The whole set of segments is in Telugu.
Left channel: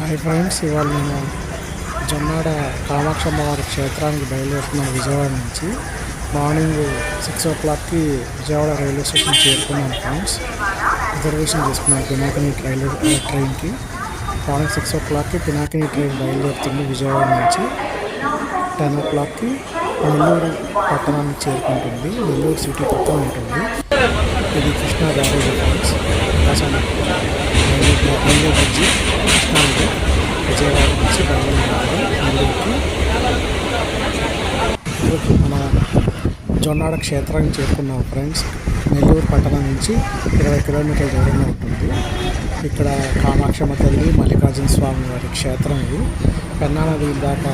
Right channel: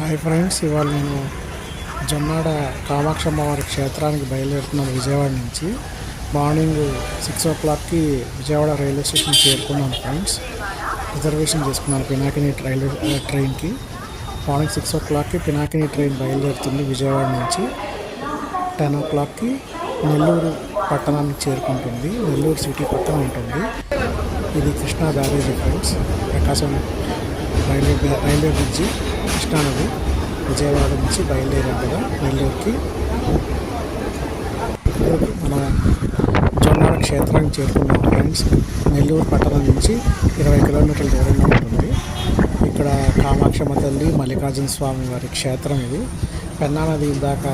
హాయ్ ఫ్రెండ్స్ ఇవాళ నేను జొన్నాడ కామాక్షమ్మ వారి క్షేత్రానికి బయలుదేరుతున్నాను విజయవాడ నుంచి. మార్నింగ్ సిక్స్ ఓ క్లాక్కి విజయవాడ రైల్వే స్టేషన్ చేరుకున్నాను ఫ్రెండ్స్. రిజర్వేషన్ చేసుకున్నాను పినాకిని రైల్వే ట్రైన్కి. మార్నింగ్ సిక్స్ ఓ క్లాక్కి పినాకిని ట్రైన్ బయలుదేరుతుంది విజయవాడ నుంచి. టెన్ ఓ క్లాక్కి నెల్లూరు పట్టణానికి చేరుకుంటుంది. నెల్లూరు సిటీ పక్కన ఉంటుంది. ఇది Krishna barrage friends. Prakasam railway railway bridge. కృష్ణానది విజయవాడ నుంచి బయలుదేరాం కదా నెల్లూరుకి. మన మనం జొన్నాడ క్షేత్రానికి చేరుకున్నాం ఫ్రెండ్స్. నెల్లూరు పట్టణం నుంచి ఇరవై కిలోమీటర్ల దూరంలో ఉంటుంది. ఇక్కడ కామాక్షమ్మ తల్లి మల్లికార్జున స్వామి వారి క్షేత్రం ఇది. పెన్నా నది ఇందాక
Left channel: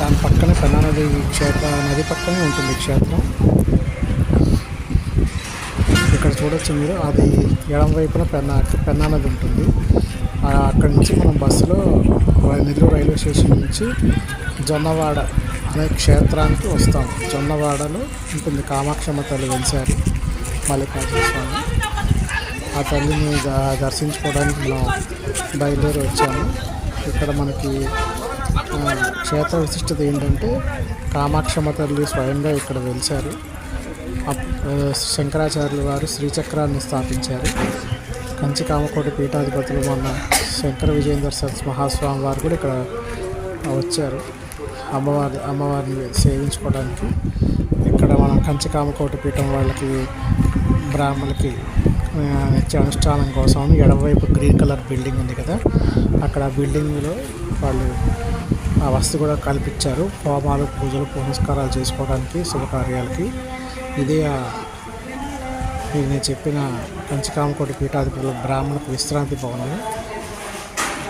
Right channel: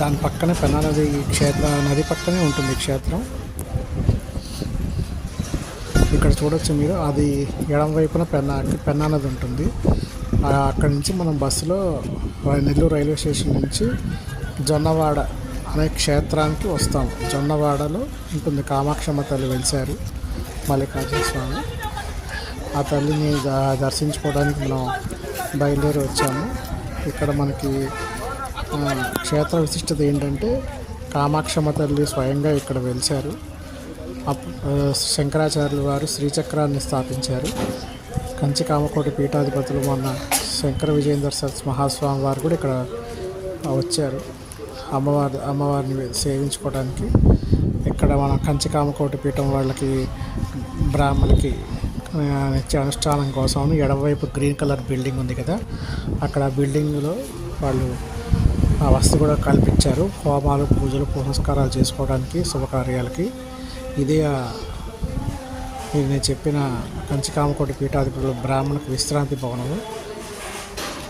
దాని పక్కనే పెన్నా నది క్షేత్ర నది పక్కనే ఉంటుంది క్షేత్రం. ఇక్కడ చూడొచ్చు మీరు. అది ఎడం వైపున పెన్నా పెన్నా నది ఉంటుంది. అక్కడి నుంచి మనం బస్సులో నెల్లూరు రైల్వే స్టేషన్ నుంచి జొన్నవాడ అనే క్షేత్రానికి వస్తాం. జొన్నవాడలో ఉంటుంది కామాక్షమ్మ తల్లి వెలిశారు మల్లికార్జున స్వామి. ఆ తల్లిని ద- దర్శించుకోవడానికి మనం బయలుదేరి వచ్చాము. ఇక్కడ మనకి క్షేత్ర విశిష్టత ఏంటంటే కామాక్షమ్మ తల్లి స్వయంగా ఇక్కడ వెలిశారు శంకరాచార్యులు వారు శ్రీచక్రాన్ని స్థాపించారు. కంచి కామకోటి పీఠాధిపతులు మొన్న శంకర విజయేంద్ర సత్ మహాస్వామి వారు కూడా ఇక్కడ వచ్చారు. అమ్మవారి అమ్మవారిని సేవించుకోవడానికి. ఇక్కడ మనం కంచికామకోటి పీఠం వాళ్ళకి బ్రాహ్మణులకి నిత్య అనుష్ఠానం కోసం ఎడమవైపు గ్రీన్ కలర్ బిల్డింగ్ ఉంది కదా. అక్కడ ఆ బిల్డింగ్లో వాళ్ళు ఆ వసతి కూడా కల్పించారు. హోమాలు పూజలు పునస్కారాలు చేసుకోవడానికి శుభకార్యాలకి. ఇదే మీరు నేను చెప్పిన కంచికామకోటి పీఠాధిపతులు బ్రాహ్మణకు విశ్రాంతి భవనము.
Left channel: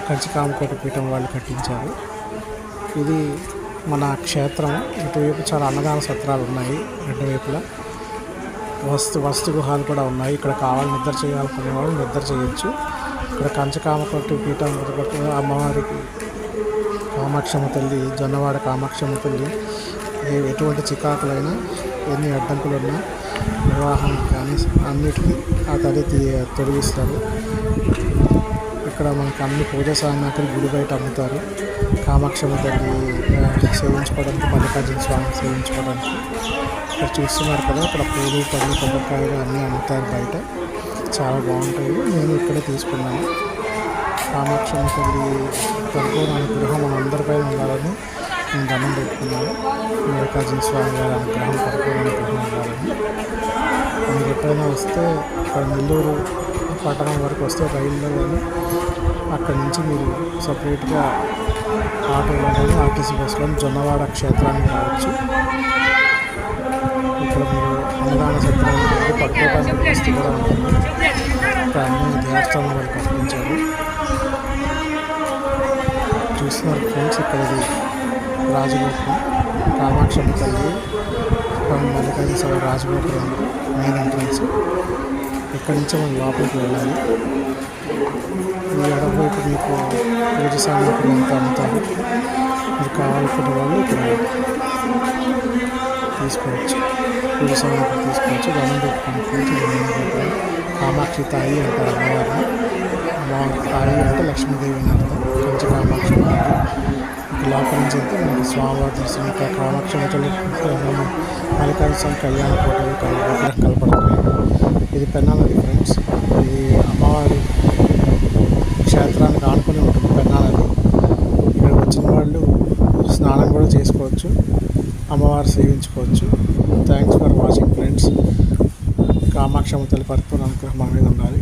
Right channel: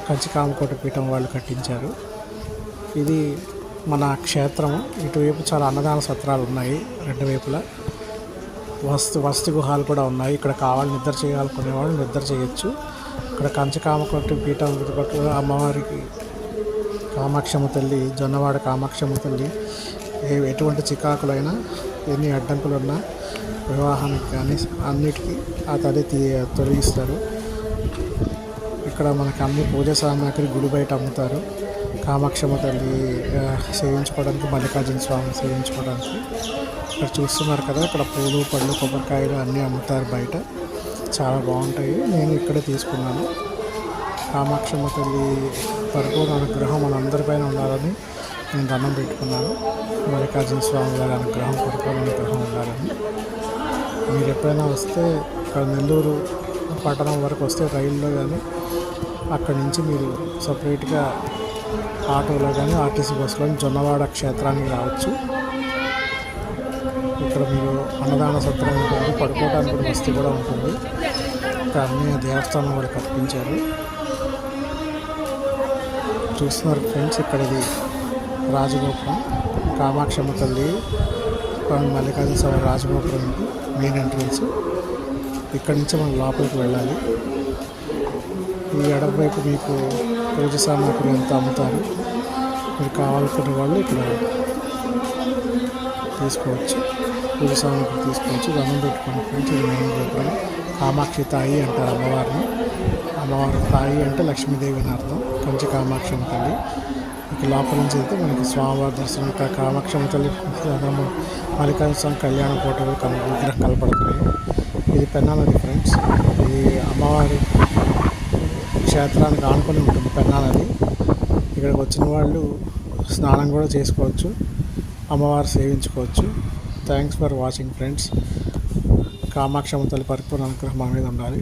కంచికామకోటి పీఠం వాళ్ళు కట్టించారు. ఇది మన క్షేత్రం. ఇటువైపు చాలా అన్నదాన సత్రాలు ఉన్నాయి రెండు వైపులా. వస్తు వస్తు గుహాలు కూడా ఉన్నాయి. ఇక్కడ కావాలి నిద్ర చేయాలనుకునే వాళ్ళు నిద్ర చేయొచ్చు. ఇక్కడ కంచకామకోటి పీఠం అమ్మవారికి కామాక్షమ్మ తల్లి జొన్నవాడ కామాక్షమ్మ తల్లి ఏ ఎటువంటి చికాకులైనా ఎన్ని అడ్డంకులు ఉన్నా వివాహానికి కానీ అన్నిటికీ ఆ తల్లి తొలగిస్తారు. ఇక్కడ మనకు అన్ని పూజ సామాగ్రి గుడి బయట అమ్ముతారు. కామాక్షమ్మ తల్లి సేవించుకోవడానికి మల్లికార్జున స్వామి సేవించుకోవడానికి. ఇక్కడ చూస్తున్నారు కదా ఇక్కడ పూలు పళ్ళు కొబ్బరికాయలు అన్నీ అమ్ముతారు బయట. చాలా బాగుంటాయి. నేను ఇక్కడే తీసుకున్నాను. కామాక్షమ్మ తల్లి పరిపూర్ణ అనుగ్రహం మన అందరిపైన ఉండాలని నేను దండం పెట్టుకున్నాను. మల్లికార్జున స్వామి గారి అనుగ్రహం పరిపూర్ణ అనుగ్రహం ఉండాలని. మీరు ఎప్పుడైనా వస్తే ఇక్కడ నెల్లూరు పట్టణం వరకు వస్తే రైల్లో కానీ అక్కడి నుంచి మీరు సపరేట్గా ఆటోలో కానీ ఆర్టీసీ బస్సులో జొన్నవాడ క్షేత్రానికి రావచ్చు. ఇక్కడ మీరు అన్నదాన సత్రం ఉంటుంది పడుకోవడానికి వస్తు కూడా ఉంటుంది. ఇక్కడ అన్ని దేవస్థానం వాళ్ళు కల్పించారు చూస్తున్నారు ఫ్రెండ్స్ ఇక్కడది రాజగోపురం. కామాక్షమ్మ తల్లి మల్లికార్జున స్వామి రాజగోపురం ఉంది మెయిన్ ఎంట్రన్స్ ఇక్కడి నుంచి మనం లోపలికి వెళ్ళాలి. ఈ ఎడమవైపు మీకు పూజ సామాగ్రి అంతా అమ్ముతారు. మీరు కావాలనుకున్న వాళ్ళు ఇక్కడ తీసుకోవచ్చు. పూజ సామాగ్రి తీసుకోవచ్చు. గమనం పెట్టుకోండి ఇది మెయిన్ గోపురం. కామాక్షి తాయి అంటారు అమ్మవారిని. అమ్మవారి తాయి అంటే లక్ష్మీదేవి అని అర్థం. కంచి కామాక్షి ఉంటుంది. ఇక లోపల నుంచి వెళ్తే మనకి స్వామివారి దర్శనం. ఇక్కడ కామాక్షమ్మ తల్లి మల్లికార్జున స్వామి కళ్యాణ ఫోటోలు కన్ విగ్రహం కనపడుతున్నాయి. ఇది పెన్నాల ఫ్రెండ్స్ ఇది అమ్మవారి క్షేత్రానికి ఆనుకొని ఉంటుంది పెన్నా ఇక్కడికి వచ్చిన వాళ్ళు స్నానం కూడా చేసుకోవచ్చు అమ్మవారు సేవించుకోవచ్చు. థ్యాంక్స్ ఫర్ వాచింగ్ ఫ్రెండ్స్ కామాక్షమతలు పరిపూర్ణ అనుగ్రహం మన మీద ఉండాలి.